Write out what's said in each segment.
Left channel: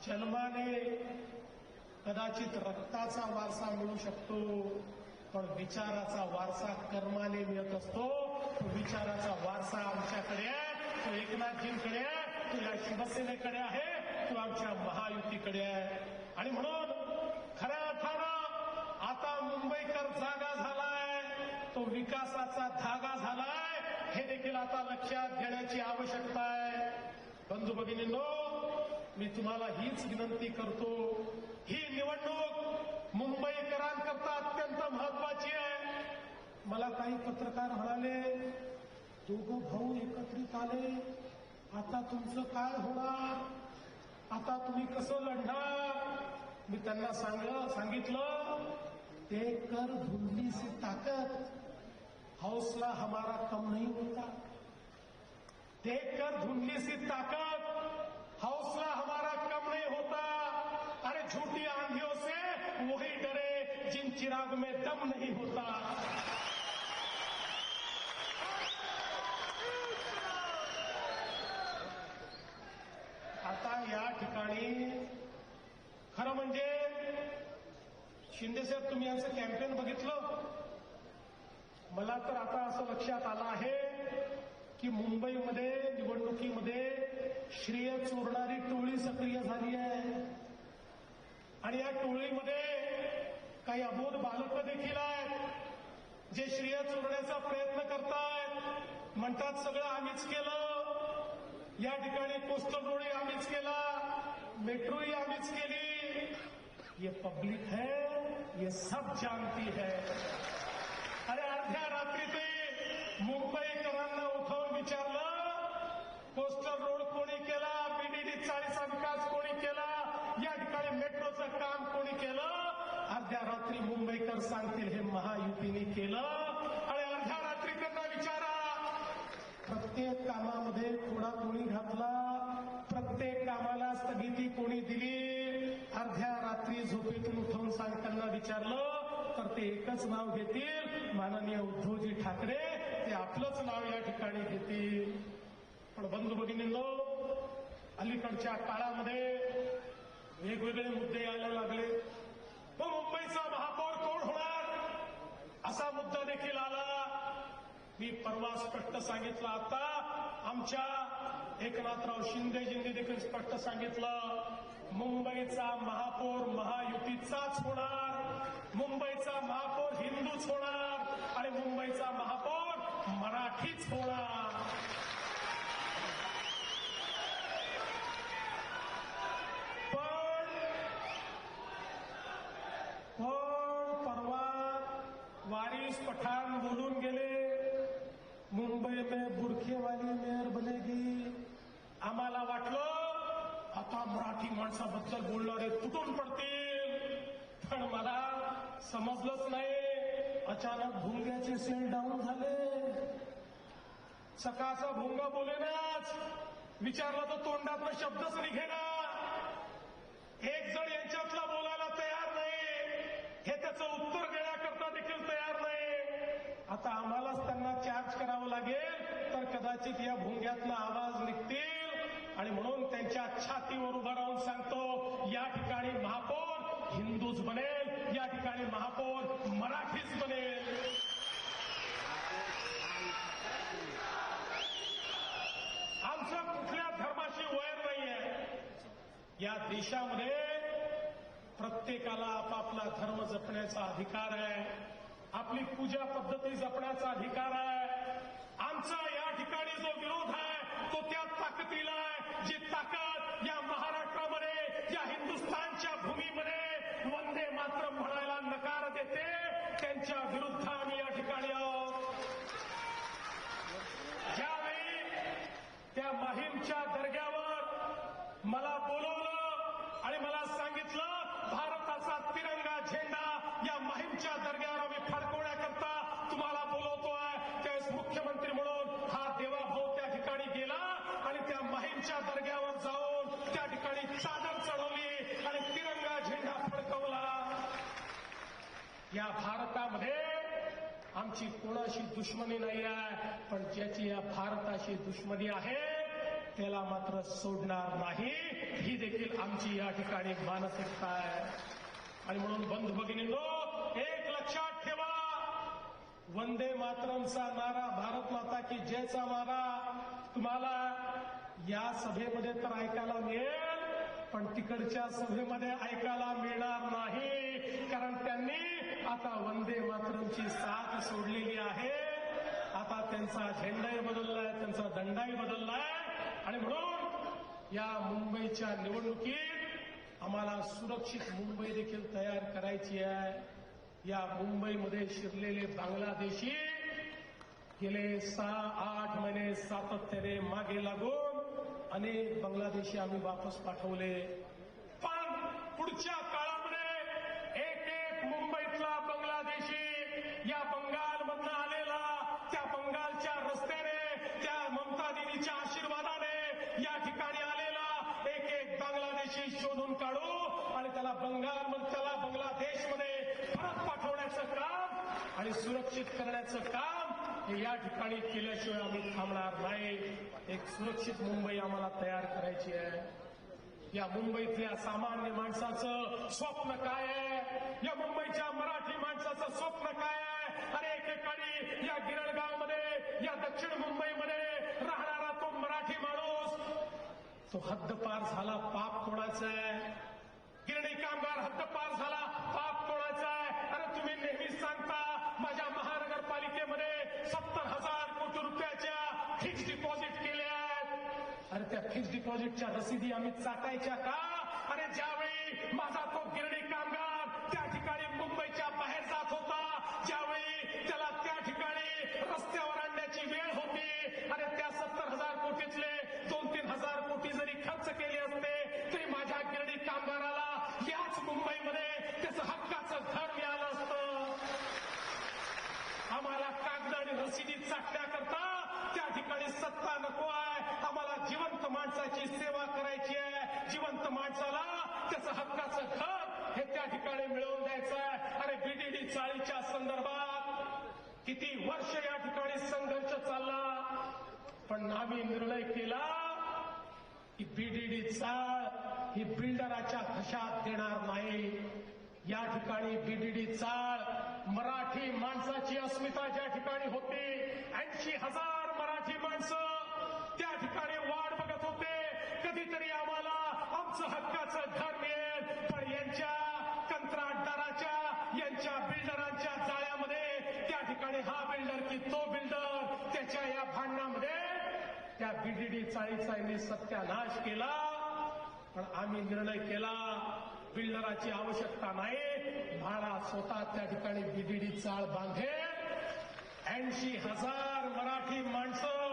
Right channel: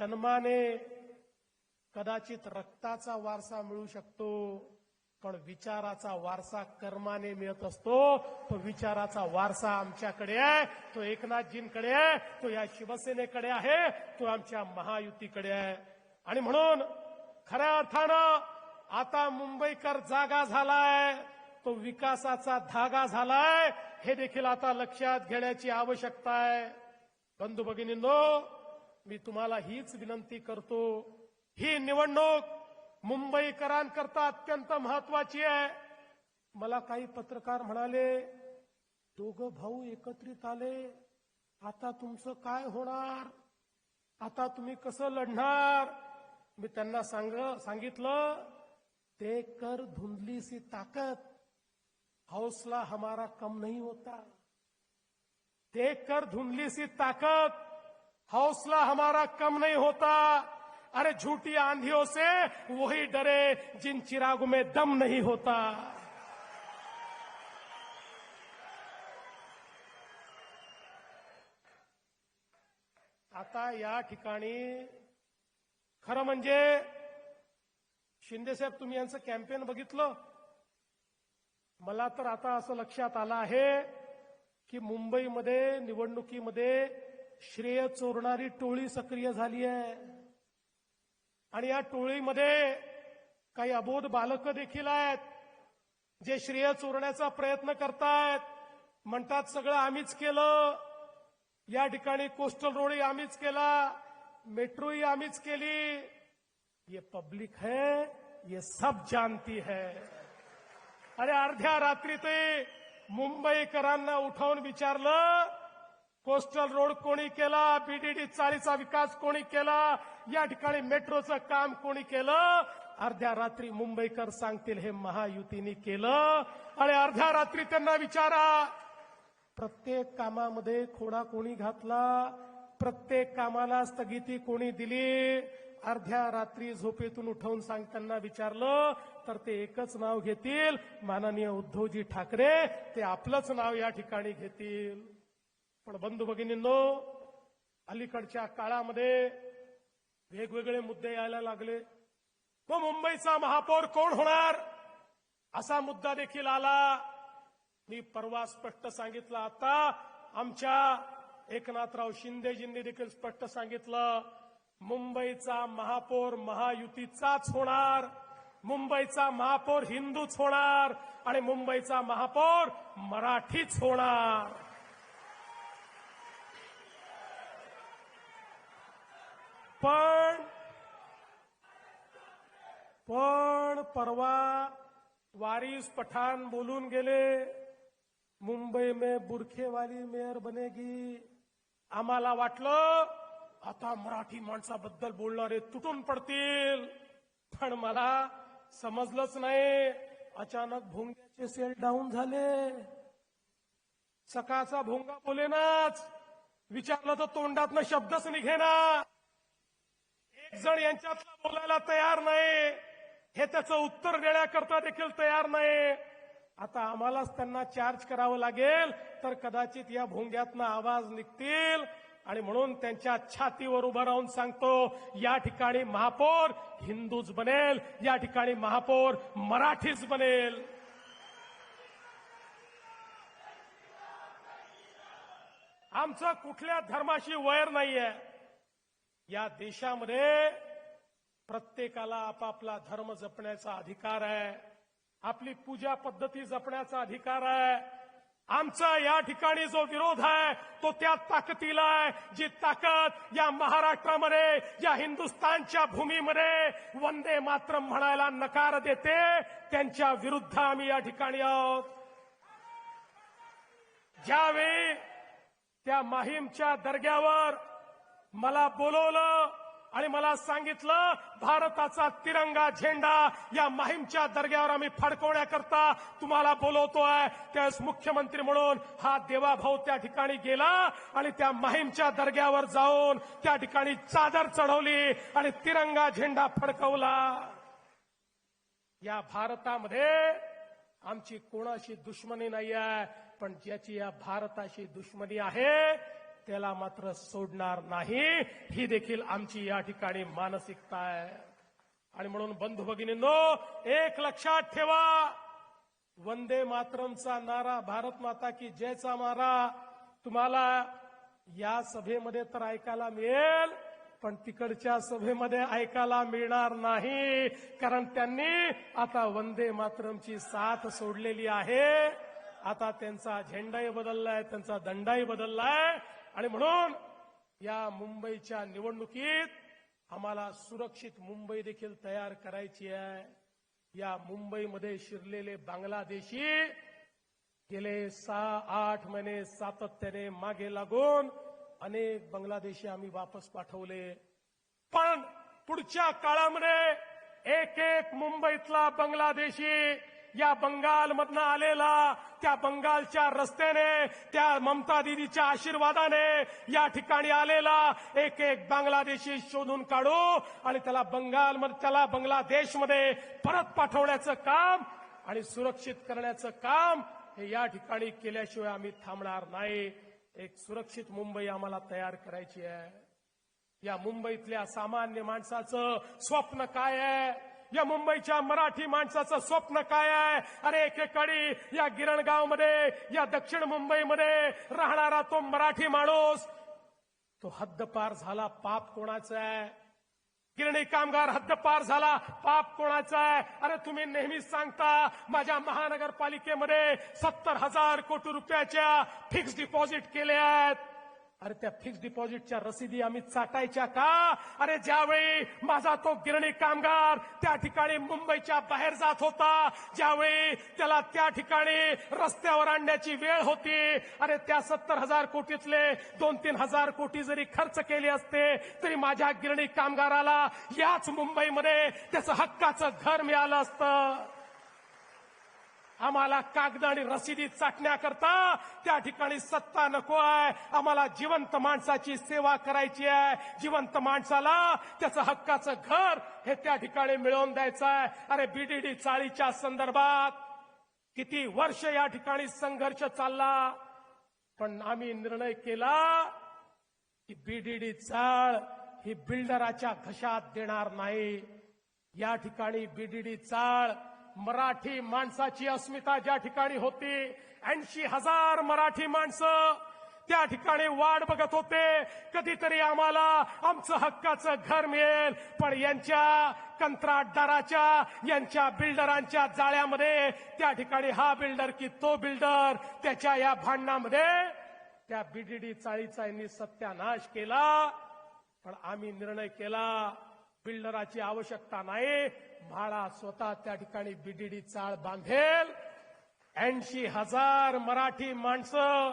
जन्माने कदाचित रक्ताचा वारसा मिळू शकतो, पण विचाराचा वारसा कर्माने मिळत असतो. तो विचाराचा वारसा आमच्याकडे आहे, तो एकनाथजींकडे आहे, तो या शिवसेनेकडे आहे, तो आमच्या महायुतीकडे आहे. आणि म्हणून खऱ्या अर्थानं आता मुंबईकर जागा झालाय, तो विकासाचा धागा झालाय, हे देखील आता लक्षात घेण्याची आवश्यकता आहे. बंधू भगिनींनो, मी तुम्हाला हीच विनंती करतो, ही निवडणूक मुंबईकरांकरता अत्यंत महत्वाची आहे. मला काही पत्रकार म्हणाले, दोघं भाऊ एकत्रित आले, आता तुमचं काय होणार, आता तुम्ही कसं लढणार. मी त्यांना सांगितलं, ते कर धुंधली सी ताकत हौसला हमारा कम नहीं होता. देख कर धुंधली सी ताकत हौसला हमारा कम नहीं होता. अरे झूठी आंधियों से वही डरे जिन चिरागों में दम नहीं होता. आता या ठिकाणी खरं म्हणजे शिंदेसाहेब, तुम्ही यांचं कॅम्पेन बघितलं. मला तर आता असं लक्षात आलं आहे की मुंबईमध्ये निवडणुकीमध्ये श्रेय चोरणारी टोळी सक्रिय झाली आहे. आणि या टोळीमध्ये काही अबोध बालकं देखील आहेत, जे श्रेय चोरण्याचा प्रयत्न करतायत. म्हणतात सगळं आम्हीच केलं, या ठिकाणी कोस्टल रोडही आम्हीच केला, मेट्रोही आम्हीच केली. ये पब्लिक है, ये सब जानती है. अरे अर्ध्या रात्री ते मुंबईकरांना उठावून विचारलं, कोस्टल रोड कोणी केला, बीडीडी चारीचा विकास कोणी केला, या ठिकाणी मेट्रोचं काम कोणी केलं. अर्ध्या रात्री मुंबईकर सांगतील हे महायुतीने केलं. आणि अर्ध्या रात्री त्यांना विचारा, प्रत्येक कामामध्ये थोडा कोणी घातला, प्रत्येक कामाला स्थगिती कोणी दिली. अर्ध्या रात्री झोपेतून उठवून त्यांना विचारलं तर ते एकच नाव घेतील, माननीय उद्धवजी ठाकरे. ते आपलंच नाव या ठिकाणी घेतील. पण बंधू भगिनींनो, अलीकडच्या काळामध्ये वेगवेगळे मुद्दे यायला लागले. तो मुंबईचा महापौर कोण होणार असा मुद्दा देखील आला. मी परवा स्पष्ट सांगितलं, आता आमच्या एकनाथराव शिंदेजींनी देखील स्पष्ट सांगितलं, मुंबईचा महापौर महायुतीचाच होणार, मुंबईचा महापौर हिंदूच होणार आणि मुंबईचा महापौर मराठीच होणार. पण परवा वारिस पठाण बोलून गेले, मुंबई में बुरखेवाली मेयर बनेगी. आम्हाला वाटलं आता मराठी माणसाबद्दल बोलणारे तुटून पडतील, पण मला समजलंच नाही. अचानक भोंगलीचे सेट डाऊन झाले. सकाळचा भोंग बोलेनाच, विचारलं तर तोंडातनं शब्दच निघेना. एक जण यांच्यात बोलायला तयार नाही, हे त्याचं उत्तर देण्याकरता देखील तयार नाही. आता आम्हालाच त्यांना चार्ज करावं लागेल, तर कदाचित या भोंग्यातनं आवाज निघतील. आणि म्हणून त्यांच्या छातीवर उभं राहून सांगतो, या ठिकाणी महापौर हिंदूच बनेल, या ठिकाणी महापौर मराठीच बनेल. आमचं कुठल्या धर्माशी वैर नाहीये. या देशामध्ये प्रत्येकाला आपापला धर्म जपण्याचा अधिकार आहे, आपली पूजा पद्धती जपण्याचा अधिकार आहे. आमचा या ठिकाणी जो विरोध आहे तो त्या ताकदीला आहे, जी ताकद या महाराष्ट्रामध्ये, या हिंदुस्थानच्या भूमीमध्ये वंदे मातरम म्हणायला नकार देते, त्यांच्या विरुद्ध आम्ही या ठिकाणी आहोत. ज्यावेळी त्या माहीमच्या दर्ग्यावर मला बोलवलं आणि मला सांगितलं, भारताचा तिरंगा झेंडा या माहीमच्या दर्ग्यावर आम्ही फडकवण्याकरता तुम्हाला बोलवतोय. त्यावेळेस मुख्यमंत्री म्हणून हा देवाभाऊ त्या ठिकाणी गेला आणि त्या माहीमच्या दर्ग्यावर जाऊन त्या ठिकाणी चादर चढवली आणि तिरंगा झेंडा फडकवला. या भारतामध्ये आमची कोणाशी दुश्मनी नाही आहे, पण ज्याची या भारताशी दुश्मनी आहे त्याला मात्र सोडणार नाही, ही देखील आमची या ठिकाणी मानसिकता आहे. आणि म्हणून बंधू भगिनींनो, एक लक्षात ठेवा, वंदे मातरमचा नारा, भारत माता की जयचा नारा तुम्हाला या सभेमध्ये तर ऐकायला मिळेल, पण तिकडच्या सभेमध्ये ऐकायला मिळणार नाही. कारण त्यांनी आता वंदे मातरमची साथ सोडलेली आहे. आता त्यांचा झेंडाही बदललाय, त्यांचा दंडाही बदललाय. आणि म्हणून या मुंबईच्या निवडणुकीत आम्हाला सुरक्षित मुंबई देखील तयार करायची आहे. या मुंबईमध्ये शिरलेले बांगलादेशी गेले 6-8 महिने सातत्याने मागे लागून अनेक बांगलादेशी आम्ही वापस पाठवले. पण पुढच्या काळामध्ये एक मुंबईतला बांगलादेशी या बंगालमधनं आलेला, त्या बंगालच्या रस्त्याने, त्या ममता दीदीच्या आशीर्वादाने या ठिकाणी आलेला एक बांगलादेशी शोधून काढू आणि त्याला बांगलादेशमध्ये परत पाठवण्याचं काम आणि सुरक्षित करण्याचं काम या ठिकाणी केल्याशिवाय आम्ही थांबणार नाही. एक सुरक्षित मुंबई आम्हाला तयार करायची आहे. या मुंबईतल्या सामान्य माणसाचं स्वप्न काय आहे? या मुंबईच्या मराठी माणसाचं स्वप्न काय आहे? अरे एकेकाळी या गिरणगावमध्ये, या दक्षिण मुंबईमध्ये राहणारा तो मराठी माणूस, तो हद्दपार झाला, पाप कोणाचा आहे? गिरणी कामगार हद्दपार झाला, पाप कोणाचा आहे? अरे तुम्ही नेहमीच सांगता माझ्या महानगरपालिकेमध्ये 70,000 कोटी रुपयाच्या फिक्स डिपॉझिट केले आहेत. अरे त्या फिक्स डिपॉझिटच्या रसीदी आम्ही चाटायच्या का? अरे ज्यावेळी माझा तो गिरणी कामगार त्या ठिकाणी मुंबईच्या बाहेर जात होता, ज्यावेळी त्याला त्या ठिकाणी रस्त्यावर आणण्याची वेळ होती, अरे त्या 70,000 कोटीतले 2-3 हजार कोटी जरी खर्च केले असते तरी माझ्या गिरणी कामगाराला याच मुंबईमध्ये त्याचं हक्काचं घर मिळालं असतं. आम्हाला कागद आणि रसीदी चाटण्याकरता त्या ठिकाणी सत्ता नको आहे. आम्हाला जिवंत माणसाची सेवा करायची आहे. जिवंत माणसाला त्याचं हक्काचं घर हे त्या ठिकाणी मिळवून द्यायचं आहे. अरे बीडीडी चाळीच्या संदर्भात किती वर्ष या ठिकाणी संघर्ष चालला, पण आम्ही निर्णय केला की बीडीडी चाळ ही बिल्डराच्या खिशात देणार नाही. या ठिकाणी बीडीडी चाळ मराठी माणसाची अस्मिता ज्या ठिकाणी होती, 80,000 मराठी माणसं त्या ठिकाणी वाट बघत होते, कधीतरी आम्हाला आमचं हक्काचं घर मिळेल. पण यांच्या कंत्राटदाराच्या, यांच्या बिल्डरांच्या जाळ्यामध्ये त्या ठिकाणी हा बिल्डर की तो बिल्डर, त्याच्या या भांडणामध्ये त्या बीडीडी चाळीचा सत्यानाश केला. पण आम्ही निर्णय केला बिल्डराची आवश्यकता नाही, भाडा स्वतः त्या ठिकाणी बीडीडी चाळ बांधेल. 80,000 मराठी माणसं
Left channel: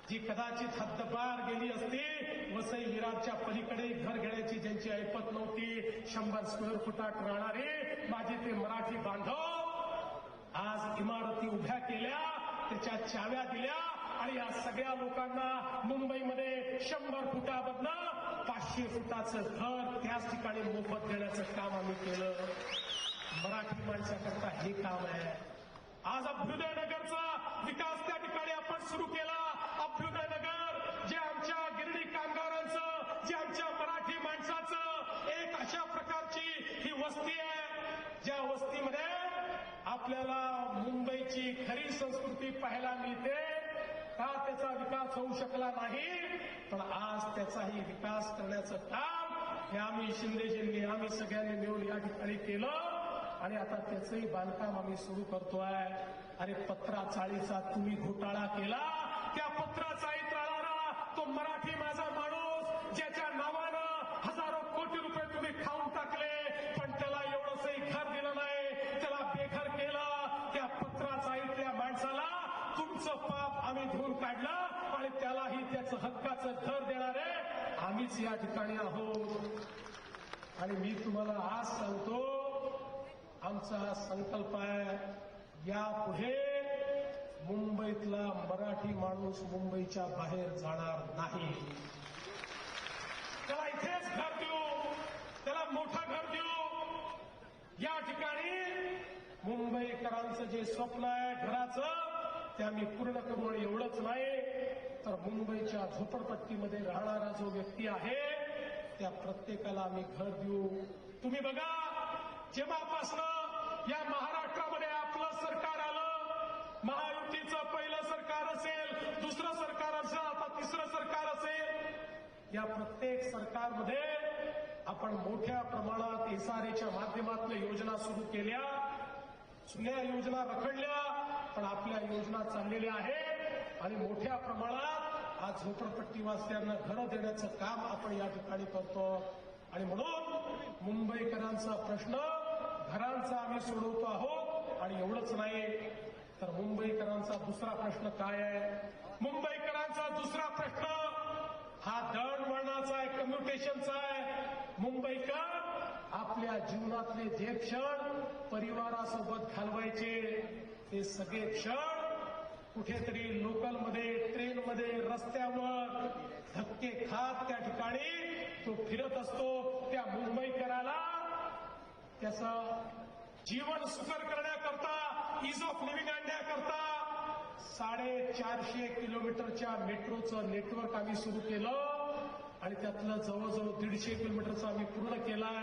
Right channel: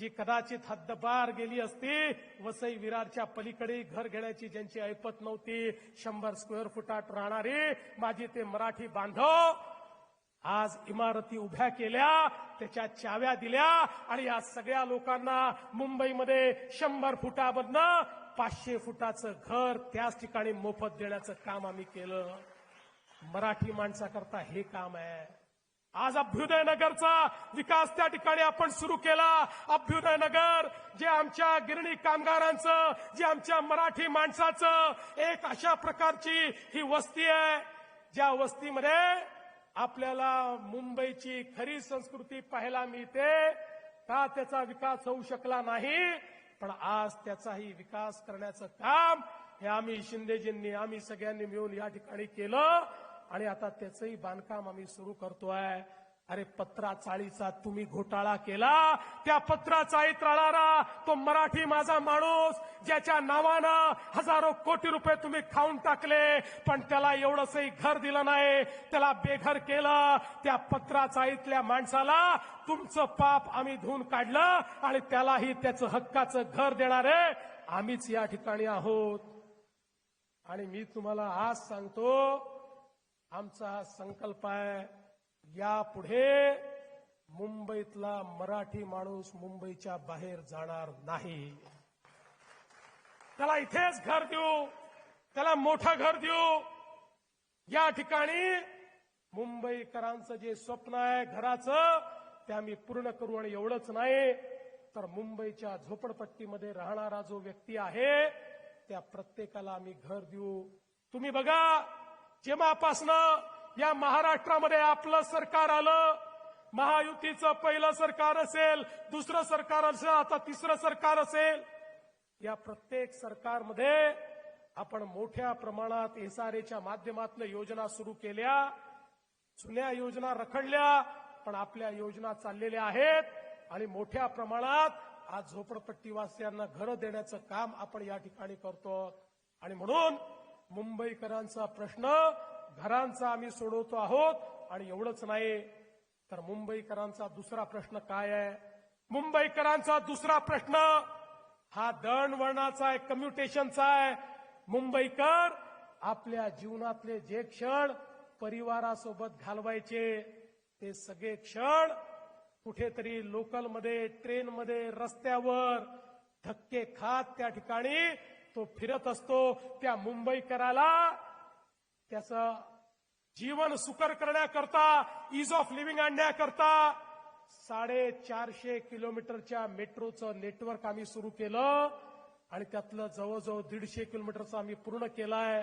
जी कदाचित हद्दपार गेली असती, वसई विरारच्या पलीकडे घर घेण्याची ज्यांची ऐपत नव्हती, 100 स्क्वेअर फुटात राहणारी माझी ते मराठी बांधव आज इमारती उभ्या केल्या, त्याच्या चाव्या दिल्या आणि या सगळ्या लोकांना मुंबईमध्ये 100 फुटामधनं 500 फुटाचं घर त्याच ठिकाणी मोफत देण्याचं काम आम्ही केलं. मराठी माणसाकरता हे काम आहे. आज अभ्युदय नगरचा विकास त्या ठिकाणी आपण सुरू केला. अभ्युदय नगर जे आमच्या गिरणी कामगारांचं, जे आमच्या मराठी माणसाचं एक अशा प्रकारची ही वस्ती आहे, ज्या वस्तीमध्ये आपल्याला मुंबईची खरी संस्कृती पाहायला मिळते. का त्याचा विकास होऊ शकला नाही, पण आज त्याचाही विकास करण्याचं काम हे आम्ही शिंदेजींनी, आम्ही सगळ्यांनी मिळून या ठिकाणी केलं आणि आता त्याचंही बांधकाम आम्ही सुरू करतोय. अरे पत्रा चाळीचा तुम्ही घोटाळा केला, त्या पत्रा चाळीत राहणारा तो मराठी माझा माणूस ज्याच्या नावानं हजारो कोटी रुपये तुम्ही खाऊन टाकले, पण त्याला एवढंसही घर दिलं नाही, त्याला बेघर केलं. त्या पत्रा चाळीतल्या माणसाला तुमचं पाप आम्ही धुवून काढलं आणि त्यालाही त्याचं हक्काचं घर देणारे आम्हीच या ठिकाणी आहोत. आणि मी तुम्हाला आज सांगतो, आमचा संकल्प आहे यापुढे मुंबईतला मराठी माणूस मुंबईच्या बाहेर जाणार नाही. त्याला इथेच घर देऊ, त्याला मोठं घर देऊ. या ठिकाणी मुंबईकरांचं जे स्वप्न आहे घराचं ते आम्ही पूर्ण करू. आणि एवढंच नाही तर मुंबईच्या झोपडपट्टीमध्ये राहणारा जो व्यक्ती आहे त्या प्रत्येकाला आम्ही घर देऊ. तुम्ही बघा, जेव्हापासनं या महाराष्ट्रामध्ये आपलं सरकार आलं, महायुतीचं पहिलं सरकार असेल, दुसरं सरकार असेल, आता तिसरं सरकार असेल, या प्रत्येक सरकारमध्ये आपण मोठ्या प्रमाणात एसआरएच्या माध्यमातून योजना सुरू केल्या. जुन्या योजना रखडल्या, पण आपल्या योजना चाललेल्या आहेत आणि मोठ्या प्रमाणात आज झोपडपट्टीवासियांना घरं देण्याचं काम आपण या ठिकाणी करतो. आणि म्हणून मुंबईकरांचा प्रश्न घरांचा आम्ही सोडवतो आहोत. आणि एवढंच नाही तर मुंबईकरांचा दुसरा प्रश्न काय आहे? मुंबईकरांचा दुसरा प्रश्न हा दळणवळणाचा आहे, कम्युनिकेशनचा आहे. मुंबईकर आपल्या जीवनातले जे क्षण परिवारासोबत घालवायचे ते सगळे क्षण कुठेतरी लोकलमध्ये, ट्रेनमध्ये, रस्त्यावर धक्के खात त्या ठिकाणी तो फिरत असतो. त्या मुंबईकराला त्याचं जीवन सुकर करण्याकरता, इज ऑफ लिव्हिंग आणण्याकरता 450 किलोमीटरच्या मेट्रोचं नेटवर्क आम्ही सुरू केलं आणि त्यातलं जवळजवळ 150 किलोमीटरचा आम्ही पूर्ण केलाय.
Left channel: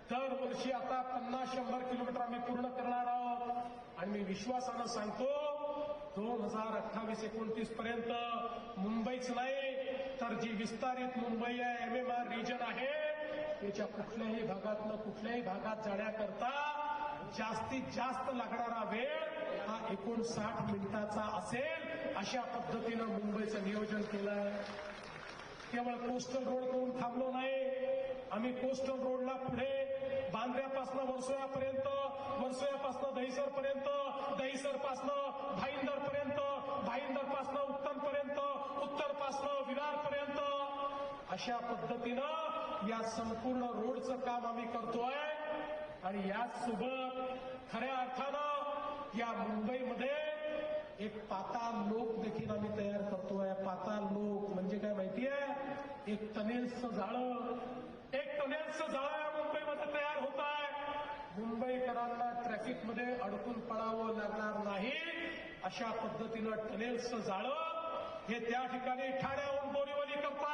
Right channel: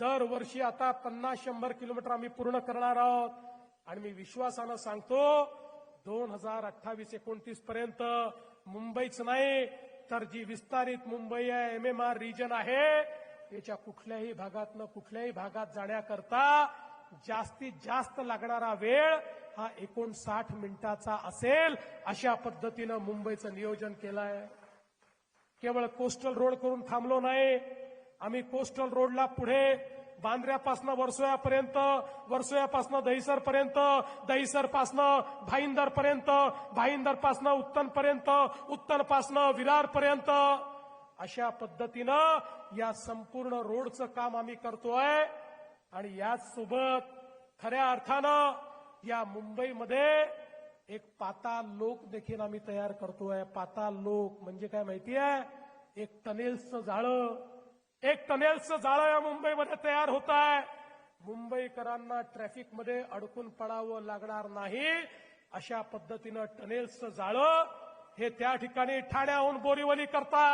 दरवर्षी आता 50-100 किलोमीटर आम्ही पूर्ण करणार आहोत. आणि मी विश्वासानं सांगतो 2028-29 पर्यंत मुंबईच नाही तर जी विस्तारित मुंबई आहे, MMR रिजन आहे, त्याच्या कुठल्याही भागात जाण्याकरता जास्तीत जास्त लागणारा वेळ हा 59 मिनिटाचा असेल. अशा पद्धतीनं मुंबईचं नियोजन केलं आहे. केवळ कोस्टल रोड करून थांबलो नाही, आम्ही कोस्टल रोडला पुढे बांद्र्यापासून वर्सोव्यापर्यंत, वर्सोव्यापासून दहिसरपर्यंत, दहिसरपासनं भाईंदरपर्यंत, भाईंदरपासनं उत्तनपर्यंत, उत्तनपासनं विरारपर्यंत अशा पद्धतीनं या संपूर्ण रोडचं काम आम्ही करतोय. आणि याचसोबत खऱ्या अर्थानं या मुंबईमध्ये एक पाताल लोक देखील आम्ही तयार करतोय. पाताल लोक म्हणजे काय माहितीये? एक टनेल्सचं जाळं, एक टनेल्सचं जाळं या मुंबईमध्ये तयार होत आहे. मुंबईकरांना ट्रॅफिकमध्ये अडकून पडावं लागणार नाही अशा पद्धतीनं टनेल्सचं जाळं हे त्या ठिकाणी ठाण्याहून बोरीवली करता